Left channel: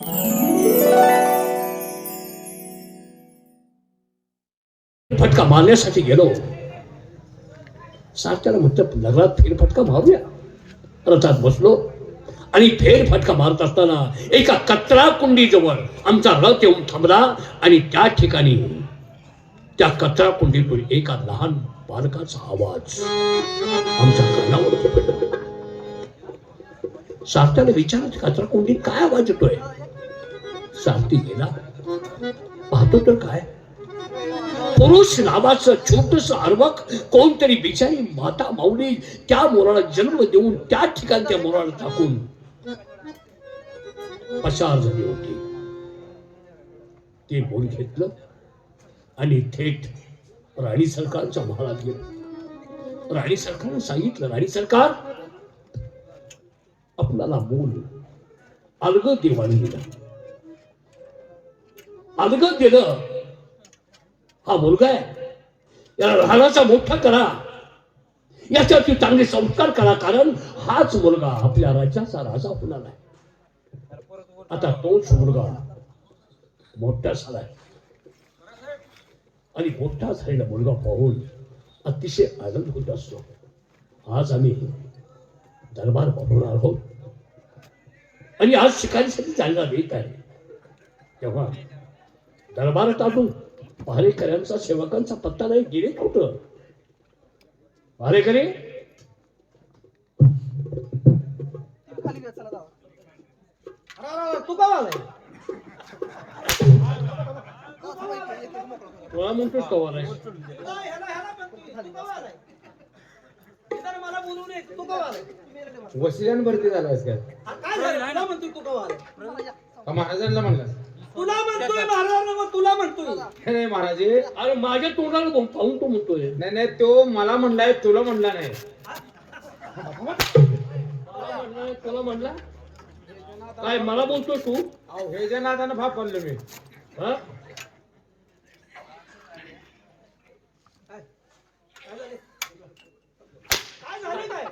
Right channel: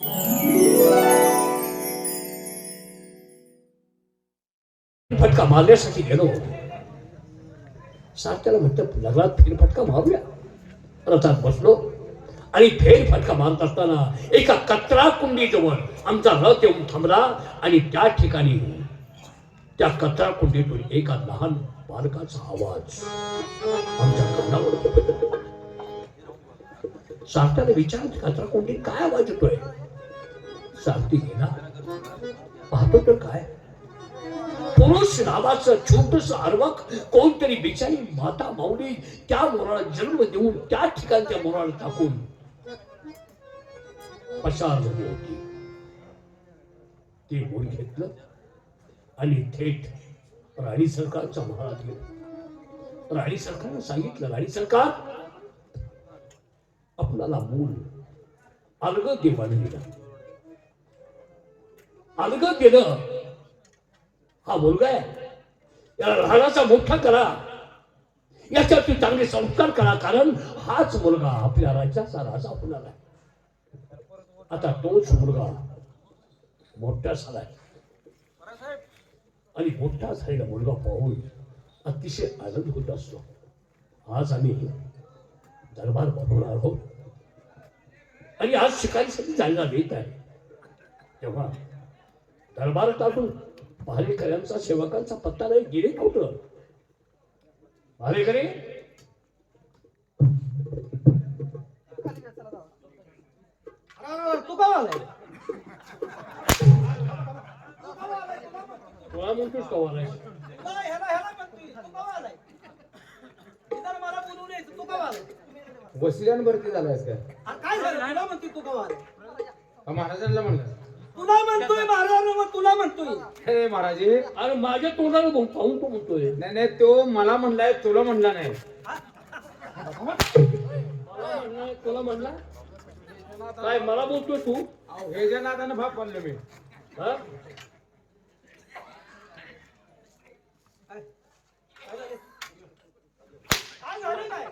फटका मारण्यासाठी गेलो. सारख्याला म्हटलं नगरात फेरफटका मारूया. रथात बसलो आणि फेरफटका मारत असताना एका कचरा कुंडीजवळ आमचा रथ येऊन थांबला आणि त्या ठिकाणी त्या कचरा कुंडीतून एका लहान बालकाचा आवाज आमच्या कानावर पडला. सारथ्याला विचारत कचरा कुंडीत काय आवाज येतोय. सारथी गेला, पाहतो तर काय, पुरुष नावाचं छोटस अर्वक कोणतरी बिचारी माता माऊली त्या मोराला जन्म देऊन त्या ठिकाणी त्या मोराला टाकून पसार झाली होती. ते मोर घेतलं आणि थेट राणी सरकारच्या महालात गेलं. राणी सरकारने सांगितलं, राणी सरकार, आपल्याला मूल अलग देवाने दिलं. अलग दिलं, हा मुलगा आहे, याला लहानाचा मोठा करा, याच्यावरती चांगले संस्कार करा, कारण हाच मुलगा आपल्या राज्याचा राजा होणार आहे. आता तोच मुलगा मोठा झालाय आणि मोठा झालेला मुलगा पाहून अतिशय आनंद होत असतो. आज आम्ही दरबार भरवणार आहोत आणि आज शिकारीसाठी जायला येत आहे. तेव्हा दरबारात आलो, भारेकऱ्यांचा सेवकांचा पत्ता नाही. गेले कुठं भारेकरी? तू का आलाय? तुला म्हणतोस तो आलाय. मला बोलू नये, तू का आलाय? वशिरांवरती झालायस काय? काय झालं म्हणतो, तू का आलाय? महाराजांना म्हणला तुला म्हणतोय महाराजांना, मग तुला म्हणतोय. हे महाराजे, अरे माझ्या तोंडाला पाहून तो म्हणतोय. नाही नाही, तो मला म्हणलाय, तुला म्हणला नाही. तुला म्हणला काय? मला बोलतोय तू? अहो हे ज्या नादानं भाप पडलो मी. हा? काय झालं काय?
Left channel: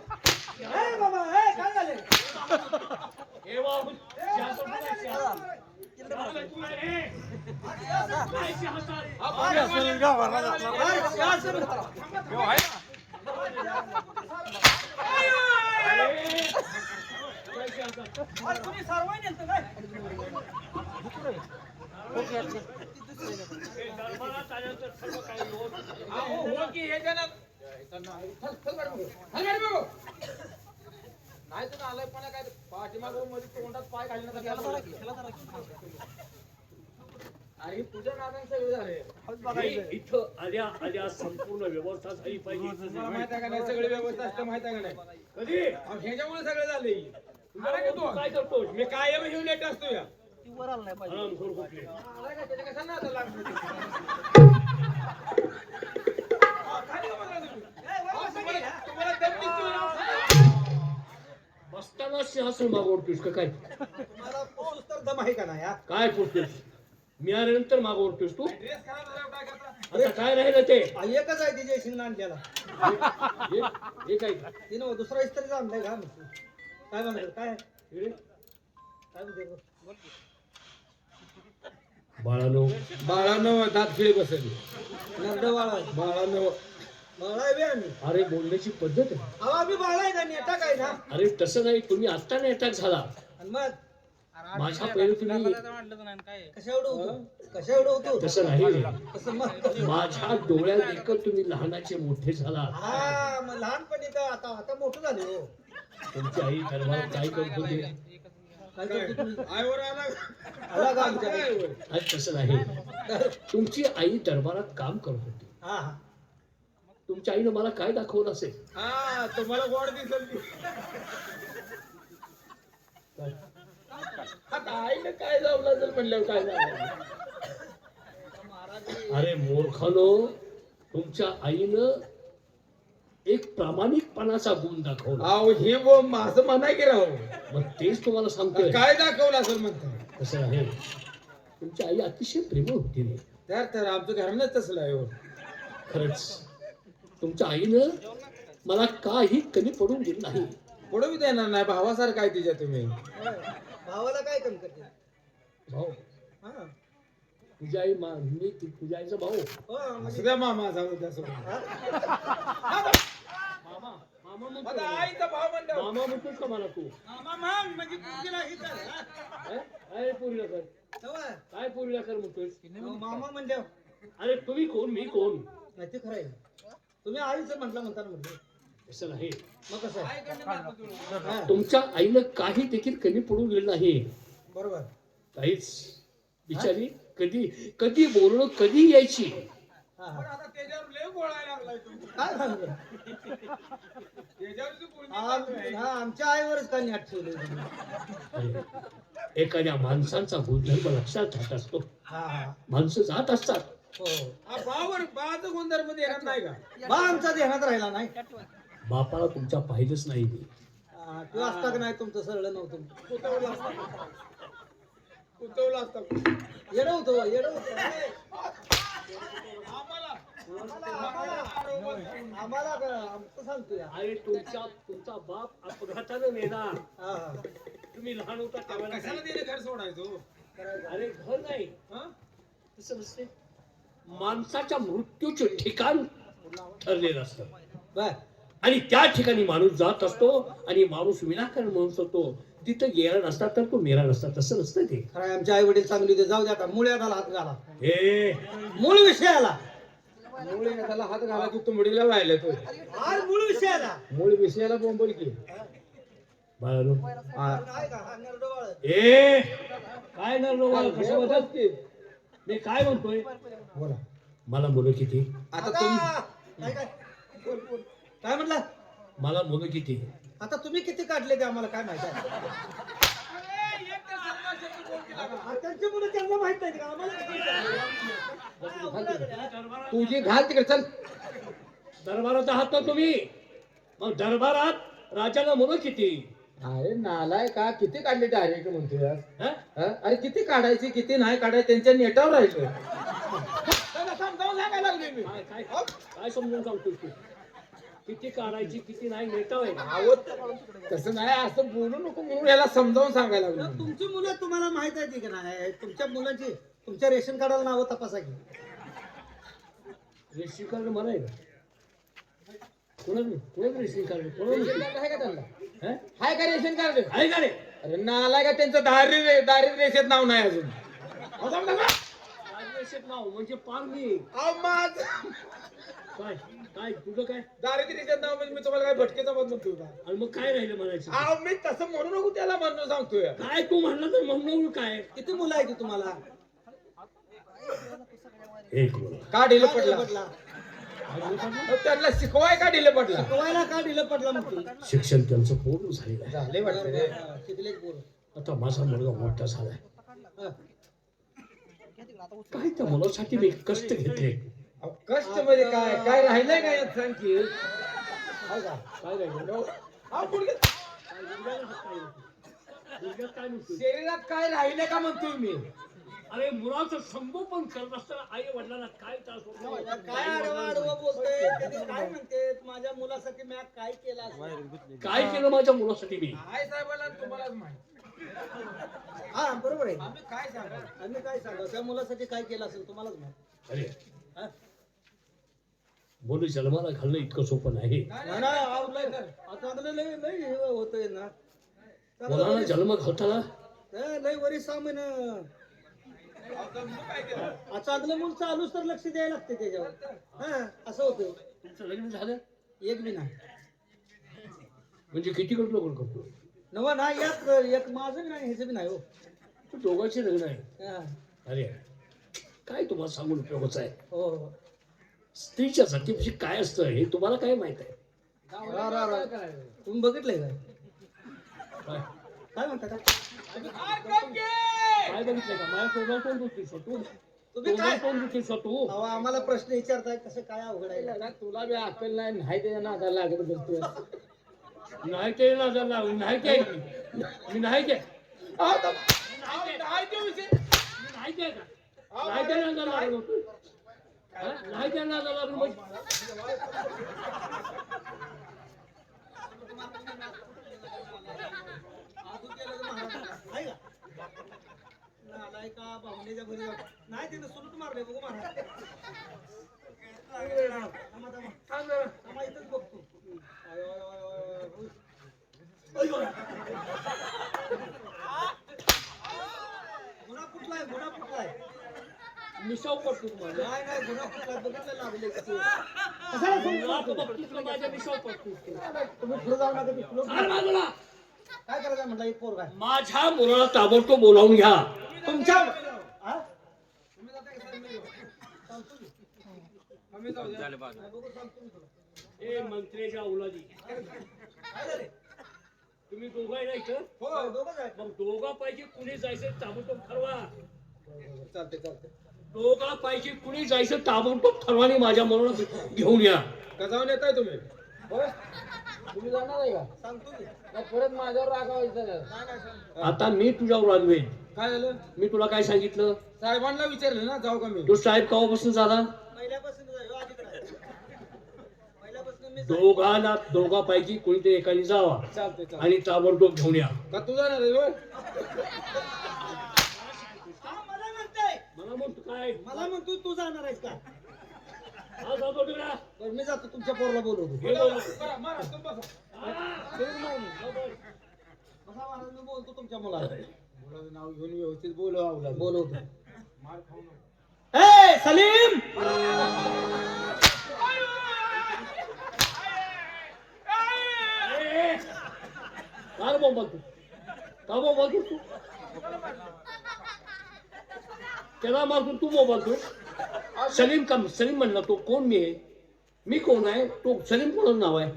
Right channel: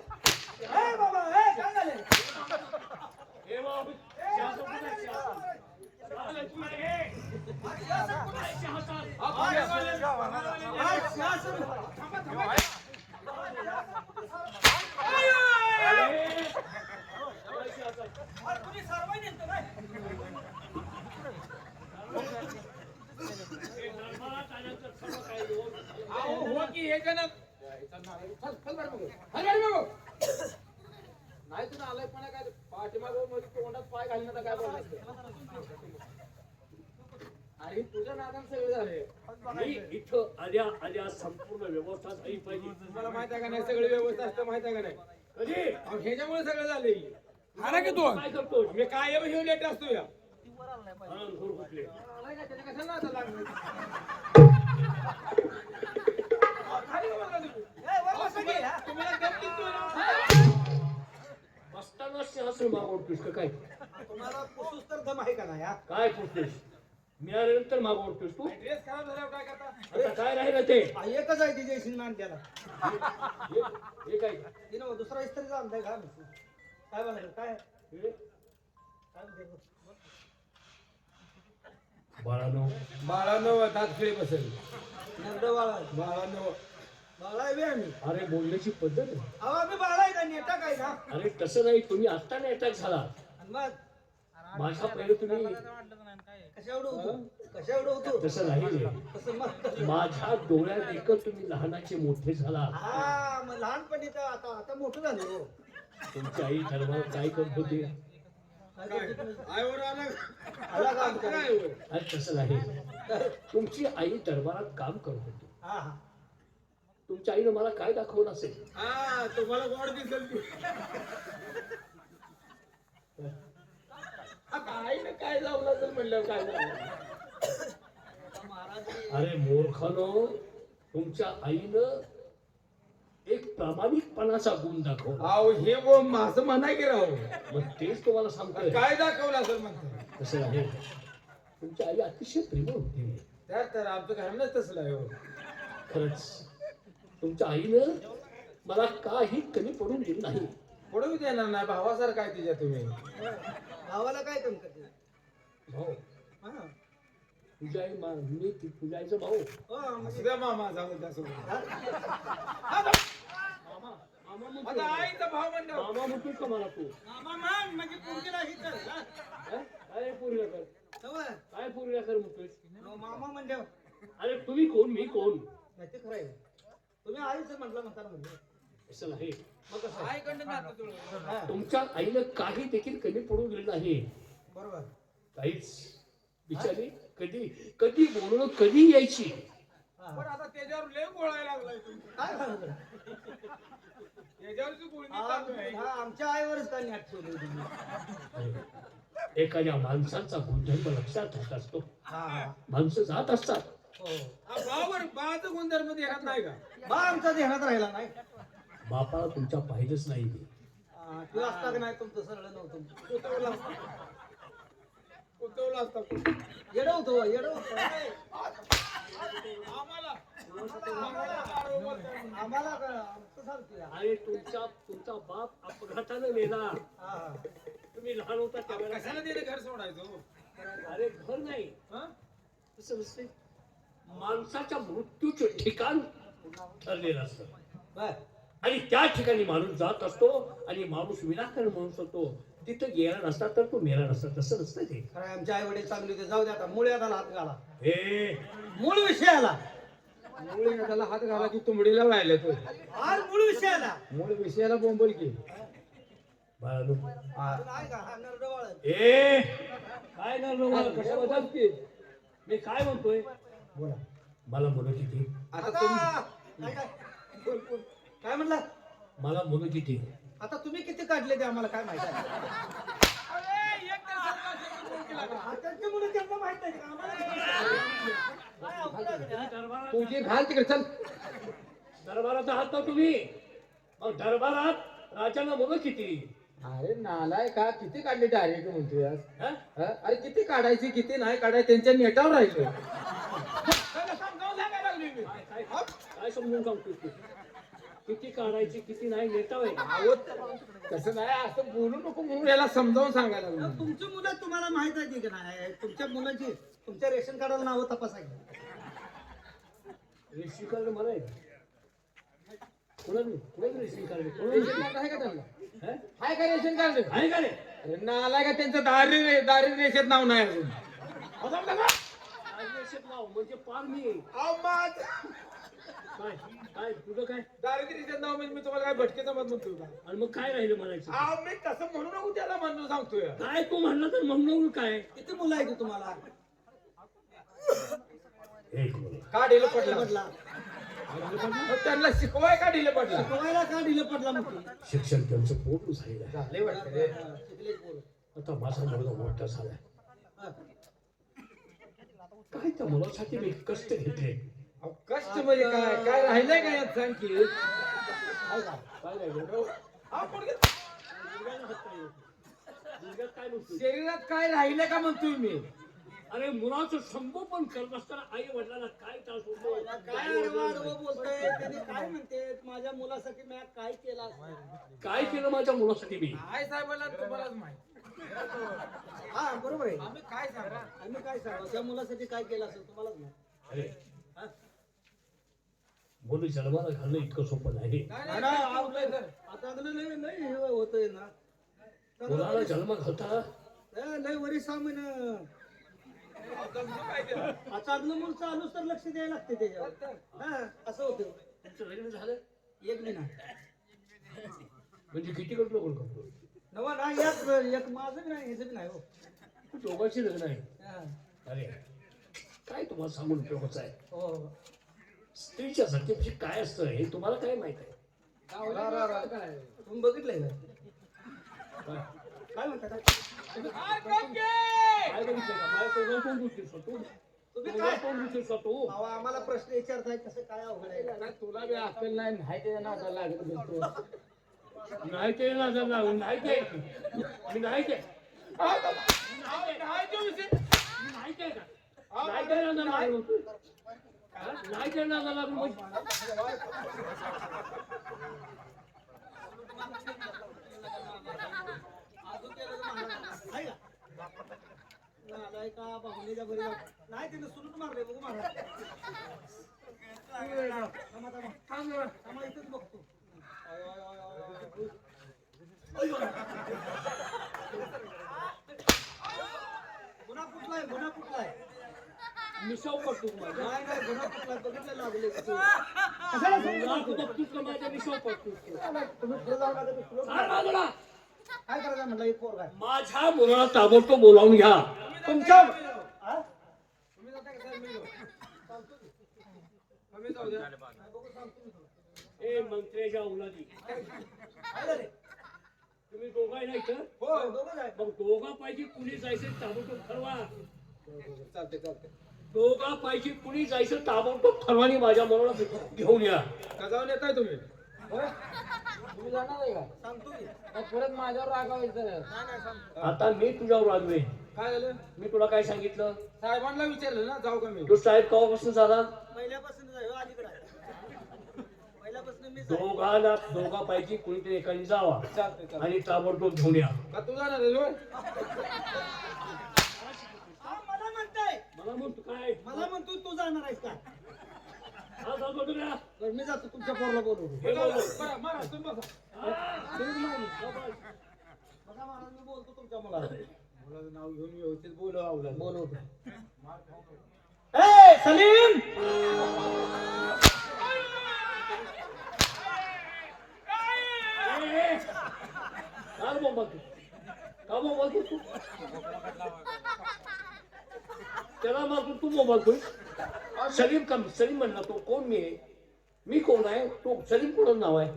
ए बाबा, ए काय झालं? हे बाबू, शासन बघा, शासन. तुम्ही सर्वांनी नेलतं काय? दरबारात आल्यानंतर सर्व काही व्यवस्थित. हो की हे ज्या नाही तर आलंय पण काय पाठीमाग तोंडात पाय घालण्याचा काय बोलला. अरे तुझ्या नादान सगळे झाले. इथं आल्या आल्या संपूर्ण व्यवस्था झाली पाहिजे. तुम्हाला माहित आहे का नाही, सगळी व्यवस्था असते माहित आहे का नाही? कधी अहो ह्याच्यामुळे सगळं झाले. मला की तू काय करतो? मी कायम हे लेट असतो या आरामखोर कुठले? त्याच्या कशा नादा लागले? खाली का बसला तुम्ही? अहो, तुम्हाला दम निघतोय ना. बसताना सिंहासन मागवतोस का काय? तुम्हाला पुसूस तर दम आहे का नाही? हा? काय पुरतोस? मी आल्यानंतर मागवतोस तू? ड्रेस खराब झाल्यावर काय करता? आता काय राहिलं ते? एकच आहे तिच्या शिंग आणल्याला. हे काय? तिनं दुसरा इस्त्री आणलाय का? काय म्हणत काय? काय म्हणते? बाळानो, बाळानं दात खिळे बसेल. नरडं बाळा आहे. बाळानं बाळा आहे बे आम्ही. अरे बोलण्याची पद्धत आहे. अहो आम्ही बाळा आहे का? नेटा काय ना? अरे तसं नाही, तुम्ही आत्ता नाही अटॅक झाला. आणि मग माझ्या पहिले तुम्ही कशा एवढं होतो? कशा एवढं होतो? तसं नाही रे. तसं मग माझ्या डोळ्यात देखत तुम्ही लहानाचे मोठे झाला. हा, मग लहानपणी तर आता मोठं झाले हो. तुमची आई दरबारात काय करत होती? काय करते तुम्ही? आईवर आला आला का आमच्या घरी? आईवर. आज तसं नाही. तुमची आई दरबारात काम करत होती. हा हा. तुमच्या आईनं मला काय दाखवलं असेल? हा तुम्हाला गोड दिसल. आता आईनं काय जाऊ लागेल म्हणल्यावर काय झालं? अरे मूर्खानो, तुमच्या आईनं एक प्रामाणिकपणाचा गुण दाखवला. अहो हे वो माझं म्हणाय की राहू. मग तेच तुम्हाला सांगतोय. काय दाखवलं असेल म्हणतो. तसं नाही. तुमची आई अतिशय प्रेमळ होती रे. तर आमचं घरानंच तसलं आहे हो. खरंच तुमच्या आईनं मला काही कमी पडून दिलं नाही. पडू देणार नाही. भावासारखं आहे तिच्या तुम्ही. भावाला काय कमी करते? भाऊ हा. तुझी आई मी तुझ्या आईचा भाऊ हो, म्हणजे- असल्या मामा जाऊ द्या सोडून. मामा मामा म्हणतो. आता आईचा भाव म्हणतो. मामा म्हणतोस का मला तू मामा मग म्हणजे पोरगीला हे तर, हा? हे? काय पुरीला कर तेव्हा, काय पुरीला कर म्हणतोस हो, मामा म्हणजे अरे तुम्ही कोण मी कोण नाही ते खरं आहे. तुम्ही आईचं म्हणता म्हणजे असं नाही मग कसं आहे? आईकडनं नातं जुळवलं. हा, तुमच्या आईनं काही देखील कमी पडून गेलं नाही बरोबर काहीच बिचारी कधी कधी बोलणं कधी घ्यायची हा, पण हा. आता त्याच्यावर लय बोलायला लागलाय तुम्ही. काय सांगू त्याच्यावरची बोलणी चालू आहे. हा, आमच्या आईवरच काय नेट ठेवलं. एखाद्या माणसाचा गुणधर्म लक्षात राहत असतो हा, माणसं जात असतात हो. हा, भावावर बाज गुणधर्म देण्यात नाही का? बा आमच्या ध्यानात राहिला नाही. बापाला तुमच्या पाहिलंच नाही मी हा, किंवा असता का नाही तुमचं सरळ नव्हतं. कुतवलं असतं. कुतवलं असतं. येडं होतो येडं होतो. आम्हाला आम्हाला आमचं सांगतो या. अरे तुमचा बाप अपघातानं मेला हा, हा. तुम्ही लहान होता आपण त्यावेळेला कशाला त्याने घर सोडायचो? अरे घर नाही हं? तसं नसते माणसाच्या मृत्यूचे ठिकाण ठरलेलं असतं बर आणि त्या ठिकाणी माणूस जात असतो आणि माणूस विनाकारण माणूस होतो तिथं गेला नसता तर तो मेला नसता तसं नसतं ते खरं आहे, आमचे आई वडील चांगले होते. जाऊ दे आता मुळ्याला हात घाला. हे मूळ विषयाला मुळे त्याला हात घाला की तुंबडीला राहिला तो. आज मूळ विषयाला मूळ विषयाला बोंबल की. बाळांनो, काय का हा नरडोळ. ए काय ना कशा बदल की मी काय म्हणतोय बोला. मला मुलं किती आता तुम्ही काय काय काय म्हटलं मला मुलं किती आता तुम्ही किती काढले ते आम्हाला काय माहिती आहे? अरे, एक तर सरकार शब्द बोल केला का? त्यांची मुलं त्यांना माहित नाही का? आम्हाला किती काय अवघड आहे. तुझी घाल तिकडे चल. दरबारात आहात ना तुम्ही मग दरबारात राजाला मुलं किती अरे नालाय का किती काढली डायरेक्ट म्हणतोय आज. हं? अरे किती काढायची किती नाही काढायची त्यांच्या नेटावर राहायचं. समजावून सांगायला लागले मी. काय काय काय समजून सांगतो तू किती काढायची किती नाही नेता आहे अहो, तसं नाही असं बोलू नको म्हणून याला समजावून सांगायला तर लागलो. तुमची मुलं तुम्हाला माहित आहे की नाही? तुमच्या मुलांची तुमच्या रेशन कार्डाला नावं तपासा की. रेशन कार्ड मला आहे का कोणाला रेशन कार्ड रेशन कोणाला कार्ड आहे का त्यांना? हं? आहे का रेशन कार्ड? आहे का रे अरे नालाय का त्यांचं दारिद्र्य रेषेत नाव नाही अजून. राजरेषेत नाव म्हणजे पार मी काय काय तुझं काय दारिद्र्य रेषेत नाव म्हणजे मी तुम्हाला काय भटके जमत म्हणतो का? आणि मग काय राहिलं म्हणायचं अहो मी तसं म्हणू नको त्याला म्हणून सांगतोय. काय तू म्हणला तर म्हणून काय किती मुलं आहेत तुम्हाला? एक मुलगा. का ढिलं का पडला? पडला? मग त्यांना शिकवाय का ढिलं पडला? शिकवायला का ढिलं पडला म्हणतो? शिक्षण त्यांचं पूर्ण झालेलं आहे झाले वाटतं रे. शिकले पोरं. आता माझा मुलगा मोठा झालाय हा. काय त्या मुलासाठी मी कष्ट घेतले अहो, कष्ट म्हणजे काय काय राहिलंय का यात सांग की. काय राहिलं हा, गुडघ्यात काय गुडघ्याला हात काय लावतो? गुडघ्यात काय म्हणतो शरीरात काय राहिलंय का म्हणतोय मी. अरे मुलाचं संगोपन करत असताना आई वडिलांना काय त्रास होतो काय आडवं आडवं बोलतोय? त्यांनी काय म्हणते माझ्या मुलासाठी मी काय केलं असेल? काय केलं माझ्या मुलासाठी मी आई साहेबांना तुम्हालाच माहिती. हा बरोबर आहे. आम्ही काय सांगा. आम्ही काय सांगू त्या मुलासाठी काय केलं असेल तुम्हालाच माहित. अरे हा? मुलं जन्माला घालणं इतकं सोपं नाही नाही, नाही, आवडलंय तर. चांगलं लय लय हे होतंय ना. मुलाला जन्म घालताना लय वरी सामान आता मुलं काय केलं? चांगलं मूल चालूच तर लक्ष द्यायला लागते त्याच्यावर. हा असं होतं. तुमचं लग्न झालं एक बी नाही म्हणजे किती करतो लग्न करतो नवा ना एक माझं बी नाही ह्याचं बी नाही हो. दोघांची लग्न आहे हा. अरे काय तुम्हाला सांगून उपयोगाचं आहे हो स्त्रीच्या जातीविषयी काय असतं हे तुम्हाला काय माहित आहे तुम्ही बघितलंय काय काय काय म्हणता का? हाय, काके! काय बघितलं का माझ्या तोंडाला तोंड देतेस हो तू तुम्ही काय तोंडाला तोंड देतेस हो तू अहो, आम्हाला प्रश्न विचारताय कसं काय अवघड आहे? त्याला तुला बी अक्कल नाही नाही त्याच्या नादाला लागत बसतोय. नाही ते ना जर लागून नाही ते मी नाही ते अहो, नाही ते विषय. मी नाही ते का नाही ते ना जर लागून नाही ते ना जर लागून म्हणजे आहे का? नालाय का पाहुण्याच्या घरी जाऊ. नाही तिथं सुलूट मारले बघू मारा. थांबा, थांबा. थांब जरा. थांबा, इथंच बघतो. I, I, I, I, I. गुन्हा कुठलाय गुन्हा कुठलाय मिसाव पडतो माझा. नाही नाही गुन्हा कुठलाय बघितलं लागले नाक बघतोस का माझ्या मिसाव पडतोस? तुम्ही पुढे जाऊ नका, तुम्ही पुढे- चाल बाजूला. काय करायचं म्हटलं एक पोरगा आहे. माझ्या मुलाला ताबडतोब बोलावून घ्या. तुमच्या हा? तुम्ही जाता का सर? मी जाऊ. सांगतो की. आम्ही जाऊ द्या. नाही, बघू सांगतो मी तुला. ए मंत्र्याच्या औलादी, काय झाले? तुम्ही दोघं आहे ना इथं? हो दोघंच आहे. मग दोघांपैकी कुणी जायचं ताबडतोब ठरवा. चालते चालते. दोघांपैकी कुणी जायचं ताबडतोब ठरवा आणि माझ्या मुलाला घेऊन या. का जाऊन येताय तुम्ही? होय? तुम्ही जाणार आहे का? सांगतो की. मग परत माझ्यावर रागावायचं नाही. नाही काय सांगतो. आता मी तुझ्यावर रागवेन. काय झालं? मी तुला काय सांगितलं? साहेबांना विचारलं ना जाऊ का मी? तो साहेब केव्हापासून झाला? पहिल्यापासून आहे, हो, अलीकडे आहे. पहिल्यापासून मी दोघांपैकी कोणीतरी एकाने जावा चालते चालते. आणि ताबडतोब घेऊन या. का तू जाणार आहे होय? हा, मला म्हणताय. मला म्हणतो काय? मला म्हणतो तू जाणार आहेस का? हा, जातो का ना? बरं, मी जातो तुमच्या पोराला बोलवतो. हे बोलव. बरं, मारा, तुम्ही बसा. बसा महाराज, मी बोलतो तुमच्या मुलाला. मुलाचं नाव घेऊन व्यवस्थित बोलवा. बोलवतो. मार खाऊ नको. ए सलीम, ए, ए. काय भाऊ बोलतो? का भाऊ बोलतो तू? त्याला मारतो तू मोबाईल बोलतोय? सलीम का? सलीम म्हणला तो कोण? मी कोण आहे? तो सलीम कोणाचं नाव आहे?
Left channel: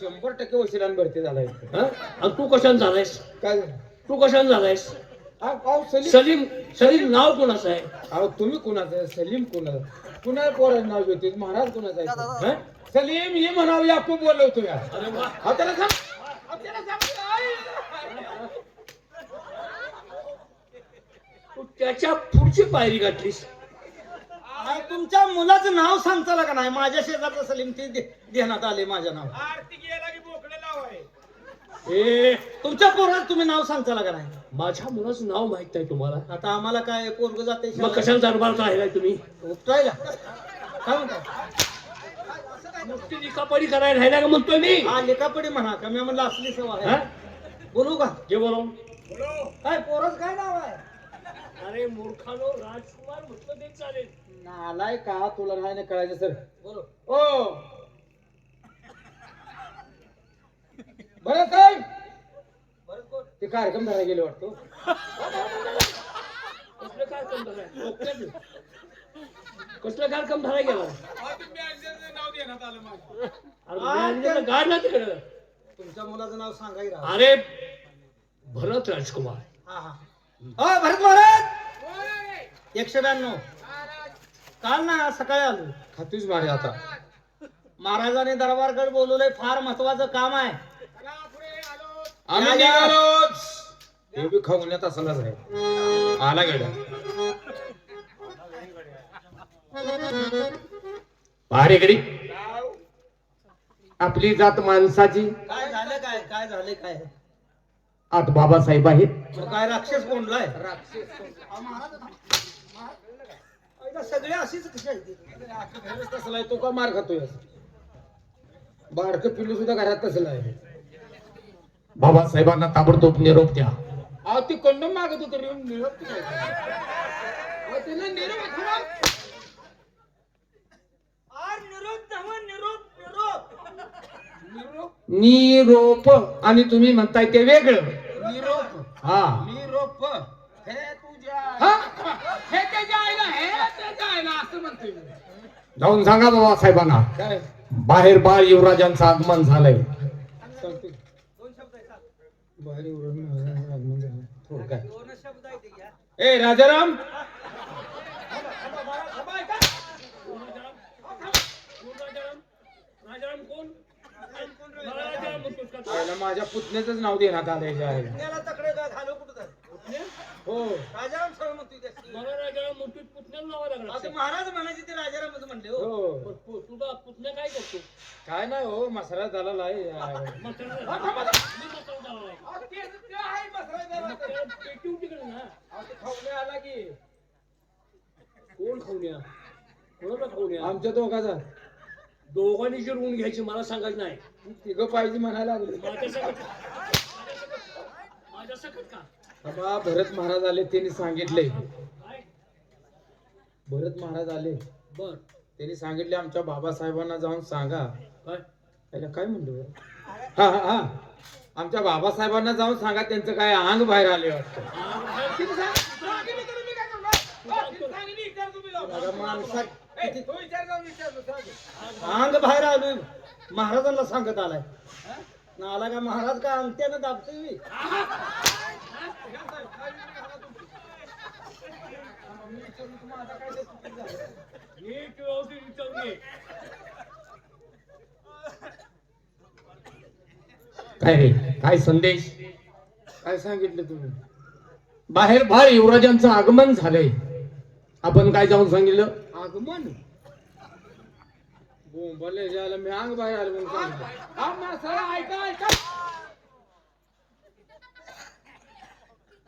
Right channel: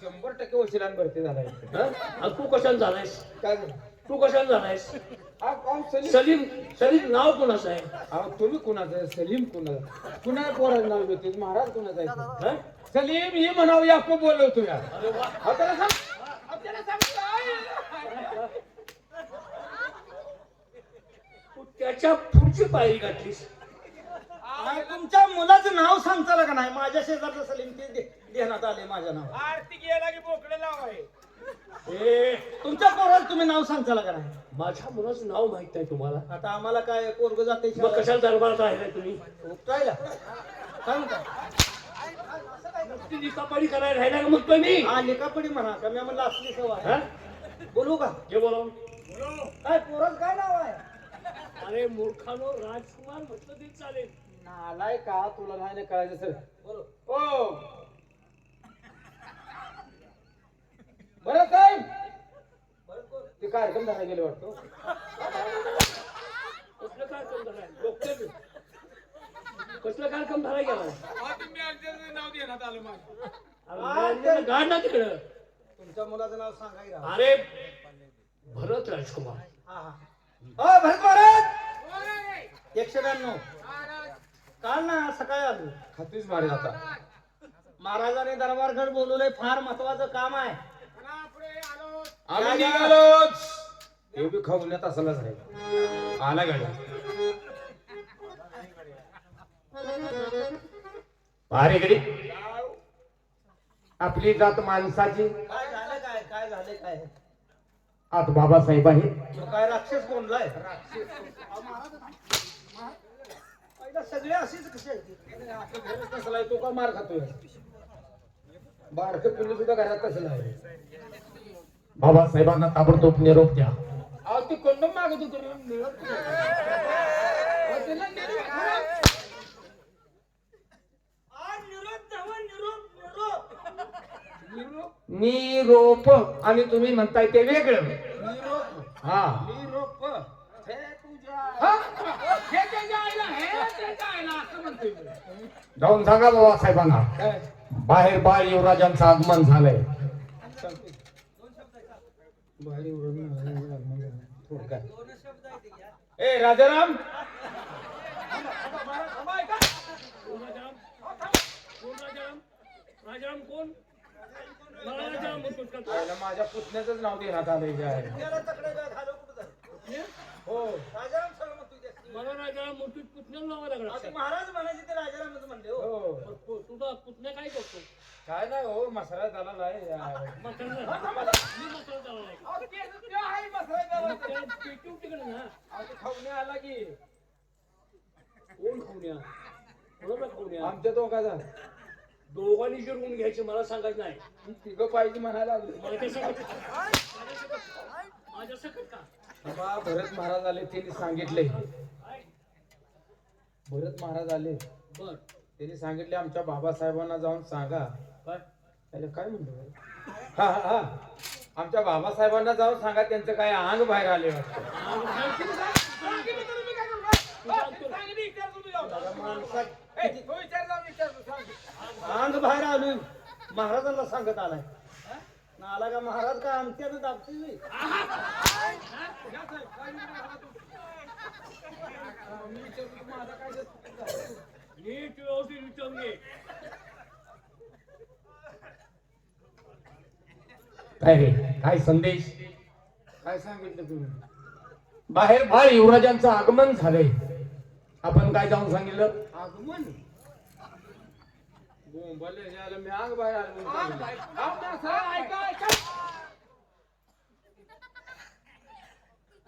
100% वशिलाने भरती झालाय. हा? आणि तू कशाने झालायस? काय तू कशाने झालायस? हा पाऊ सलीम. सलीम सलीम नाव कोणाचं आहे? अहो तुम्ही कुणाचं आहे? सलीम कुणाला? कुणाला पोराचं नाव घेते? महाराज कुणाचं आहे? हा? सलीम हे म्हणावं याकू बोलवतो या. अरे वा. हा त्याला सांग. हा त्याला सांग. तू त्याच्या पुढची पायरी गाठलीस. अहो, तुमच्या मुलाचं नाव सांगताला का नाही? माझ्या शेजारचं सलीम ते ध्यानात आले माझ्या नाव. आरती गेला की बोकडे लावाय. ए, तुमच्या पोराचं तुम्ही नाव सांगताला का नाही? माझ्या मुलाचं नाव माहित नाही तुम्हाला? आता आम्हाला काय पोरग जाते मग कशाला दरबारात राहिलाय तुम्ही? उपटायला काय म्हणताय? नुसती लिखापडी करायला राहिला का म्हणतोय मी? हा लिखापडी म्हणा का? मी म्हणलं असली सवय हा? आहे. बोलू का? जे बोलावून. काय पोराचं काय नाव आहे? अरे मूर्खानो, राजकुमार म्हटलं ते चालेल. नालाय का? तुला नाही ना कळायचं सर. बोलो. ओ बरं साहेब बरं कोण? ते कार्यक्रम झाला गेले वाटतो. कसलं कार्यक्रम झालाय? डोक्यात. कसलं कार्यक्रम झाला गेला? नाव देण्यात आलं माझं. अरे मॅनेजरला गाड ना तिकडं. तुमच्या मुलाचं नाव सांगा की राव. अरे भरत राजकुमार. हा हा. अ भरत महाराज 192. काल ना सकाळी आलो. खातोच माझ्या आता. महाराजांनी दरबारकडे बोलवलंय, फार महत्वाचं काम आहे. आम्ही निघालोच. हे बी खवण्यात असलाच आहे. आला गाड्या. भारेगडी आपली जात माणसाची. काय झालं काय? काय झालं काय? आत बाबासाहेब आहेत. तो काय राक्षस कोंडलाय? आईला सगळे अशीच कशी आहेत? घरच तसला आहे. तू का मार खातोय? बारक पिल्लू सुद्धा घरात तसला आहे. बाबासाहेबांना ताबडतोब निरोप द्या. अहो ते कंडम मागत होते रे. निरोप कुठे? अहो, त्याला निरोप आठवडा. आज निरोप नव्ह, निरोप निरोप निरोप. आणि तुम्ही म्हणताय ते वेगळं. निरोप. हा. निरोप. हे तुझ्या. हे त्याच्या आईला. हे त्याच्या आईला असं म्हणतोय मी. जाऊन सांगा बाबासाहेबांना काय बाहेर बाळ युवराजांचं आगमन झालंय. सांगते. दोन शब्द आहेत सात. बाहेर उडून थोडं काय. दोनच शब्द आहेत ते घ्या. ए राजाराम. माझ्या पुतण्याच नाव देण्यात आलंय. गेला तकडे घालो कुठं हो राजाराम सरळ म्हणतोय त्याची. मला राजाला मोठीच पुतण्याला नावा लागला आता महाराज म्हणायचे ते राजारामच म्हणले हो. हो तुझा पुतण्या काय करतो काय नाही हो मसाला झाला आहे मसाला पेटून तिकडे ना खाऊन आला की कोण खाऊया कोणाला खाऊया आमच्या दोघाचा दोघांनी जिरवून घ्यायची मला सांगायचं नाही तिघं पाहिजे म्हणायला लागले माझ्या सकट का बाबा भरत महाराज आले त्यांनी सांगितले काय भरत महाराज आले बर त्यांनी सांगितले आमच्या बाबासाहेबांना जाऊन सांगा काय त्याला काय म्हणतो हा हा हा आमच्या बाबासाहेबांना जाऊन सांगा त्यांचं काय अंग बाहेर आले वाटतं अंग बाहेर आलं महाराजांना सांगत आलाय आला का महाराज काय अंगठ्यानं दाबतोय नीट व्यवस्थित विचारून घे काय रे काय संदेश काय सांगितलं तुम्ही बाहेर भार युवराजांचं आगमन झालंय आपण काय जाऊन सांगितलं आगमन बोंबले जायला मी अंग बाहेर आलो म्हणून सांगितलं.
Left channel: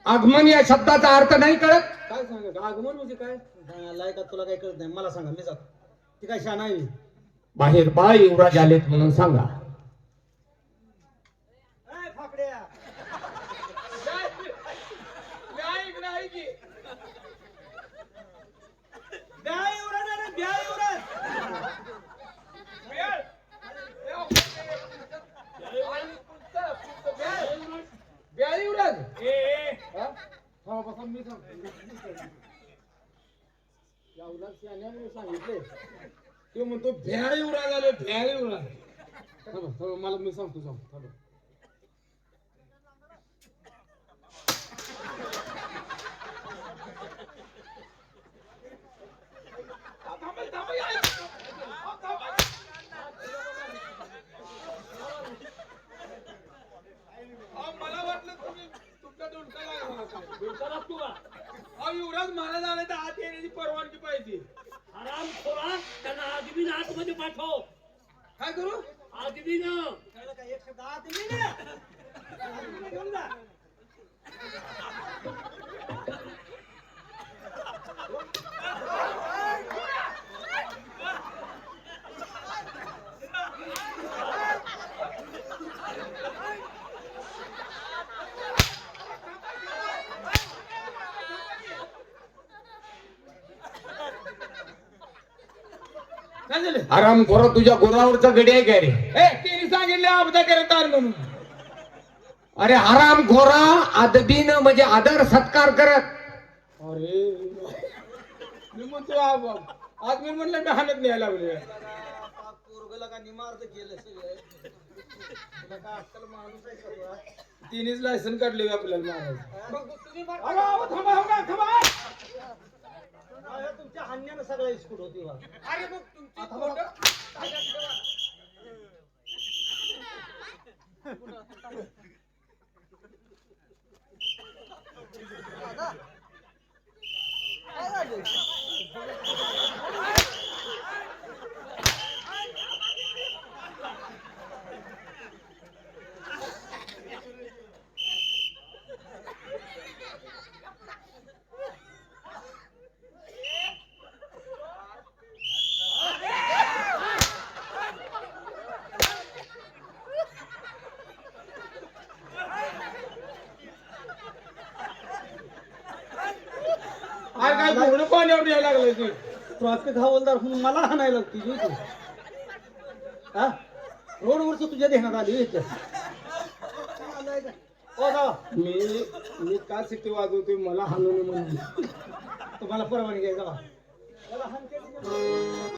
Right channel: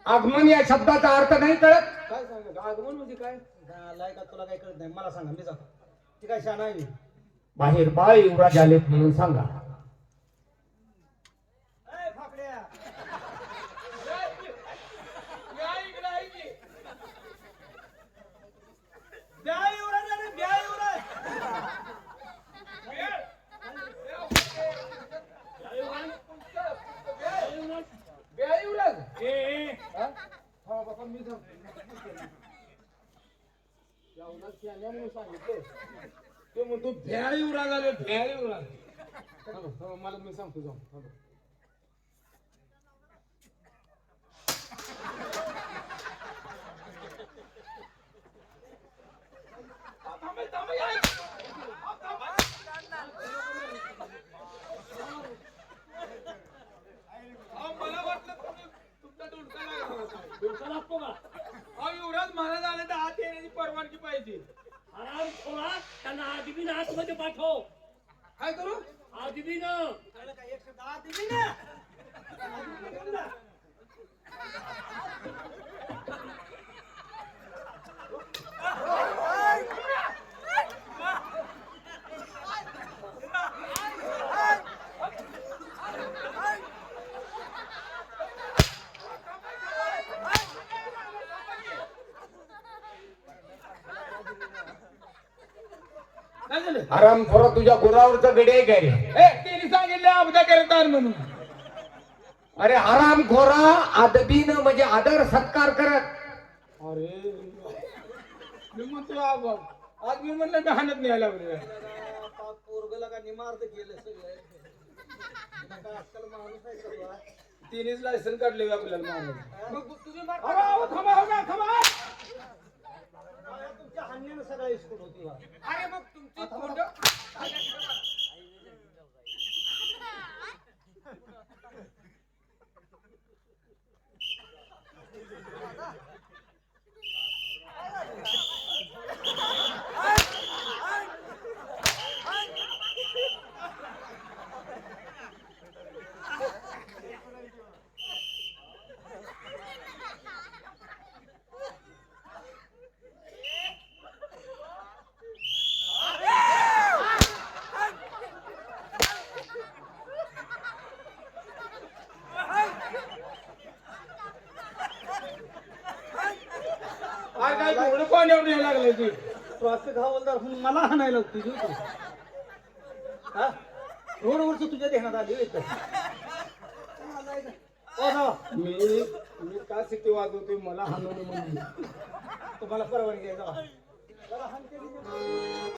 आगमन या शब्दाचा अर्थ नाही कळत काय सांगत आगमन म्हणजे काय आलाय का तुला काय कळत नाही मला सांगा मी जातो ती काय शान आहे बाहेर बाळ युवराज आलेत म्हणून सांगा फाकड्या ब्या युवराज आले, ब्या युवराज युवराज ए सांगितले तू म्हणतो भ्याड युवराज आले भ्याड युवराज मला मी सांगतो सांग मला वाटलं तुम्ही तुमचा डोलका लागला डोका लागतो का युवराज महाराज आले तर आत येण्याची परवानगी पाहिजे आराम खोला त्यांना आदमी आतमध्ये पाठव काय करू आदमी न कळलं का एक शब्द आत दिली ना आत घेऊन जा काय झालं आराम खोरा तुझ्या गुरावरचा गडी आहे काय रे त्यांनी सांगितले आमचा करतार म्हणून अरे हराम घोरा आदबीन म्हणजे आदर सत्कार करत अरे मी म्हणतो आज मी म्हणलं मी हाणत न्यायला लागलो पोरगला का निमार्थ केलं सगळं बघा, आजकाल माणूस आहे सगळा. तिनेच लायसन काढले आपल्याला महाराज मग तुझी मार- थांबा अरे, तुमच्या हाण्यानं सगळा इस्कूट होती बा. अरे मग तुमची तोंड काय घोडं पाण्यावर न्यायला लागला की ट्रॉफिक हवालदार म्हणून मला हाणायला तुझी तू हा रोडवरच तुझ्या ध्यानात आली होय इथं. ओ साहेब, मी का सिटी वाजवतोय मला हाणून म्हणजे तुम्हाला परवानगी आहे जावा.